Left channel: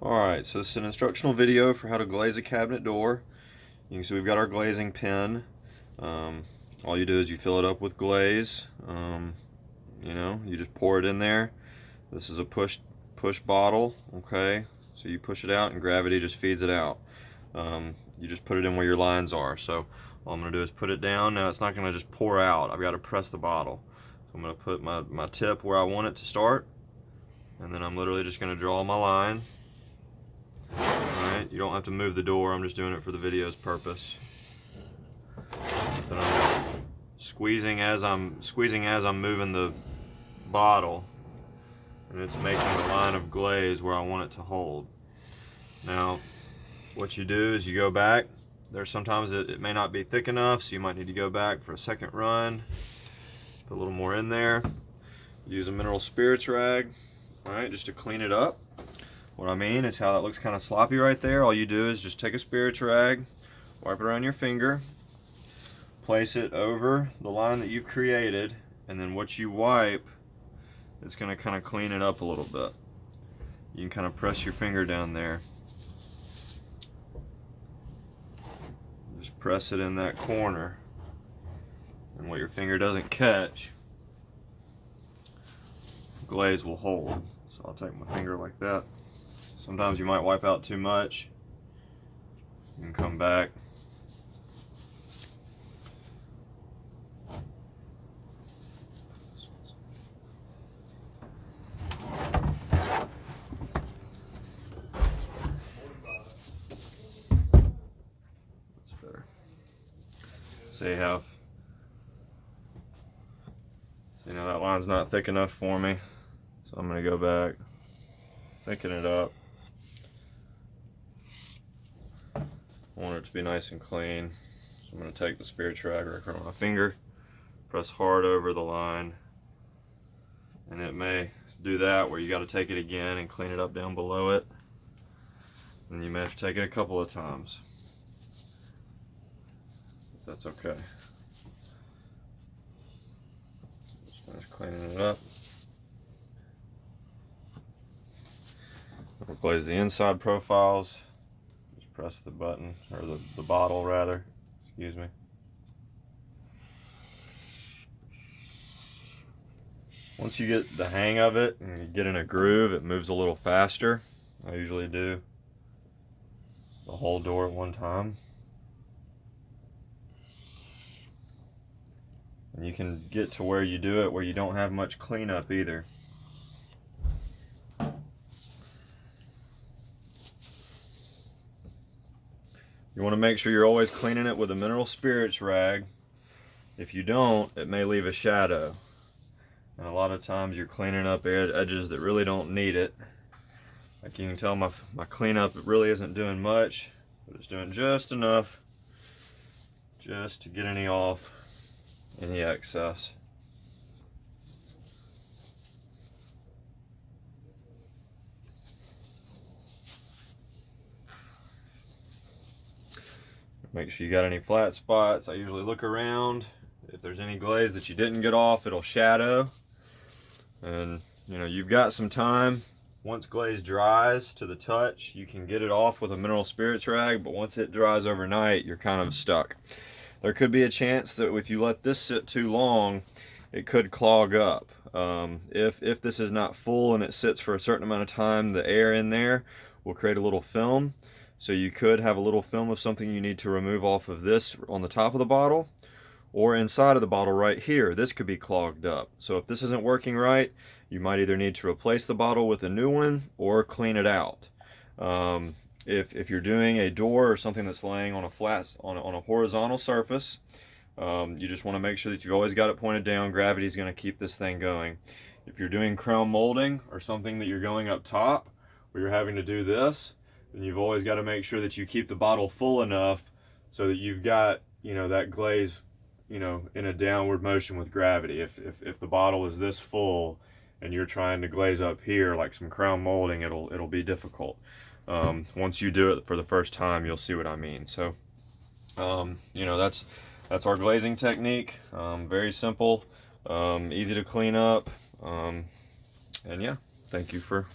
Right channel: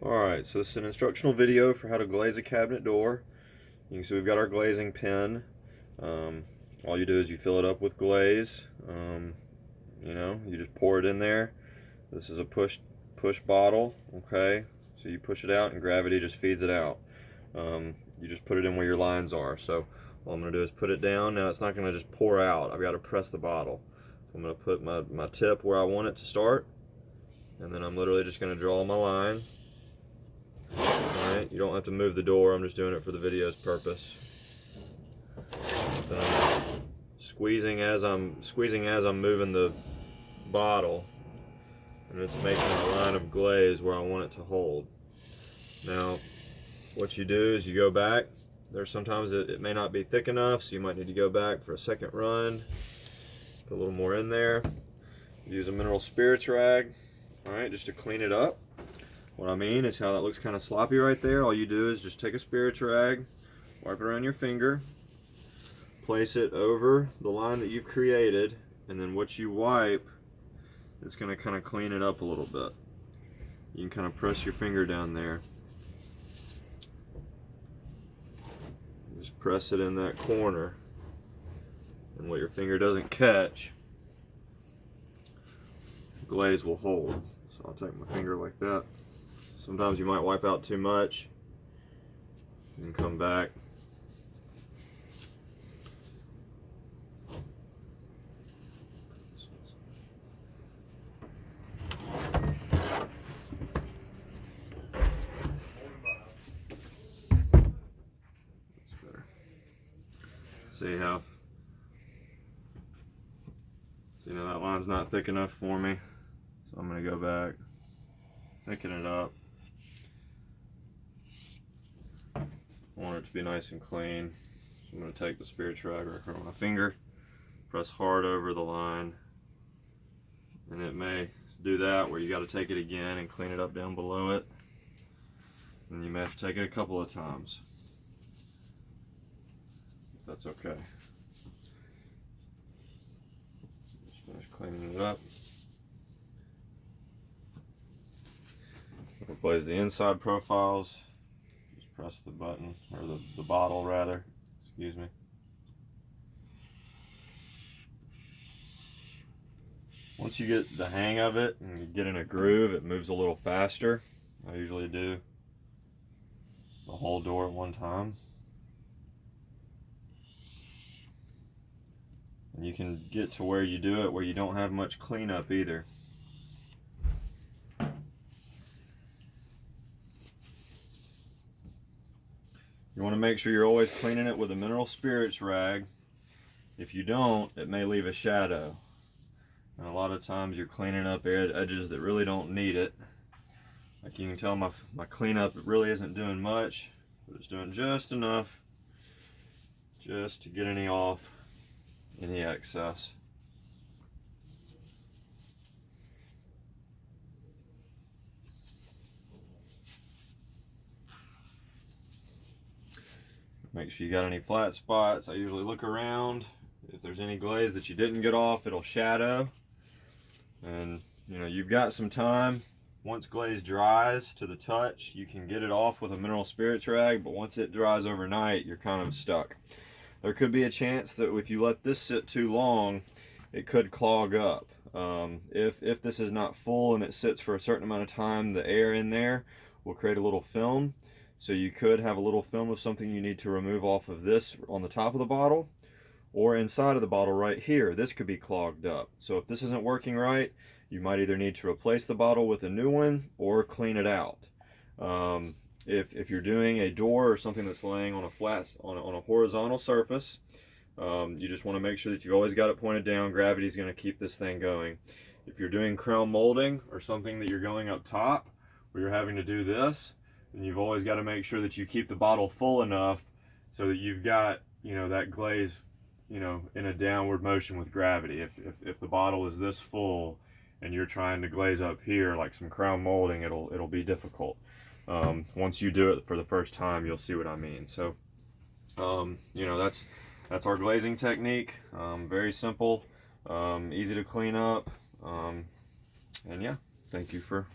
Alright, so this is an instructional video for how to glaze a cabinet door. You can see we've got our glazing pen. All you do is you fill it up with glaze. You just pour it in there. This is a push bottle, okay? So you push it out and gravity just feeds it out. You just put it in where your lines are. So all I'm going to do is put it down. Now it's not going to just pour out. I've got to press the bottle. So I'm going to put my tip where I want it to start. And then I'm literally just going to draw my line. Alright, you don't have to move the door, I'm just doing it for the video's purpose. Then I'm squeezing as I'm moving the bottle, and it's making a line of glaze where I want it to hold. Now, what you do is you go back. There's sometimes it may not be thick enough, so you might need to go back for a second run. Put a little more in there. Use a mineral spirits rag, alright, just to clean it up. What I mean is how it looks kind of sloppy right there. All you do is just take a spirits rag, wipe it around your finger, place it over the line that you've created, and then what you wipe is going to kind of clean it up a little bit. You can kind of press your finger down there. Just press it in that corner, and what your finger doesn't catch, glaze will hold. So I'll take my finger like that. Sometimes you might wipe out too much. You can come back. That's better. See now that line's not thick enough for me. So I'm going to go back, thicken it up. I want it to be nice and clean. So I'm going to take the spirits rag right across my finger, press hard over the line, and it may do that where you got to take it again and clean it up down below it. And you may have to take it a couple of times. That's okay. Just finish cleaning it up. We'll glaze the inside profiles. Press the button, or the bottle rather, excuse me. Once you get the hang of it and you get in a groove, it moves a little faster. I usually do the whole door at one time. And you can get to where you do it where you don't have much cleanup either. You want to make sure you're always cleaning it with a mineral spirits rag. If you don't, it may leave a shadow. And a lot of times you're cleaning up edges that really don't need it. Like you can tell my cleanup really isn't doing much, but it's doing just enough just to get any excess. Make sure you got any flat spots. I usually look around. If there's any glaze that you didn't get off, it'll shadow. And you've got some time. Once glaze dries to the touch, you can get it off with a mineral spirits rag, but once it dries overnight, you're kind of stuck. There could be a chance that if you let this sit too long, it could clog up. If this is not full and it sits for a certain amount of time, the air in there will create a little film. So you could have a little film of something you need to remove off of this on the top of the bottle, or inside of the bottle right here. This could be clogged up. So if this isn't working right, you might either need to replace the bottle with a new one or clean it out. If you're doing a door or something that's laying on a horizontal surface, you just want to make sure that you've always got it pointed down. Gravity is going to keep this thing going. If you're doing crown molding or something that you're going up top where you're having to do this, then you've always got to make sure that you keep the bottle full enough so that you've got that glaze in a downward motion with gravity. If the bottle is this full and you're trying to glaze up here like some crown molding, it'll be difficult. Once you do it for the first time, you'll see what I mean. So that's our glazing technique. Very simple, easy to clean up, and yeah, thank you for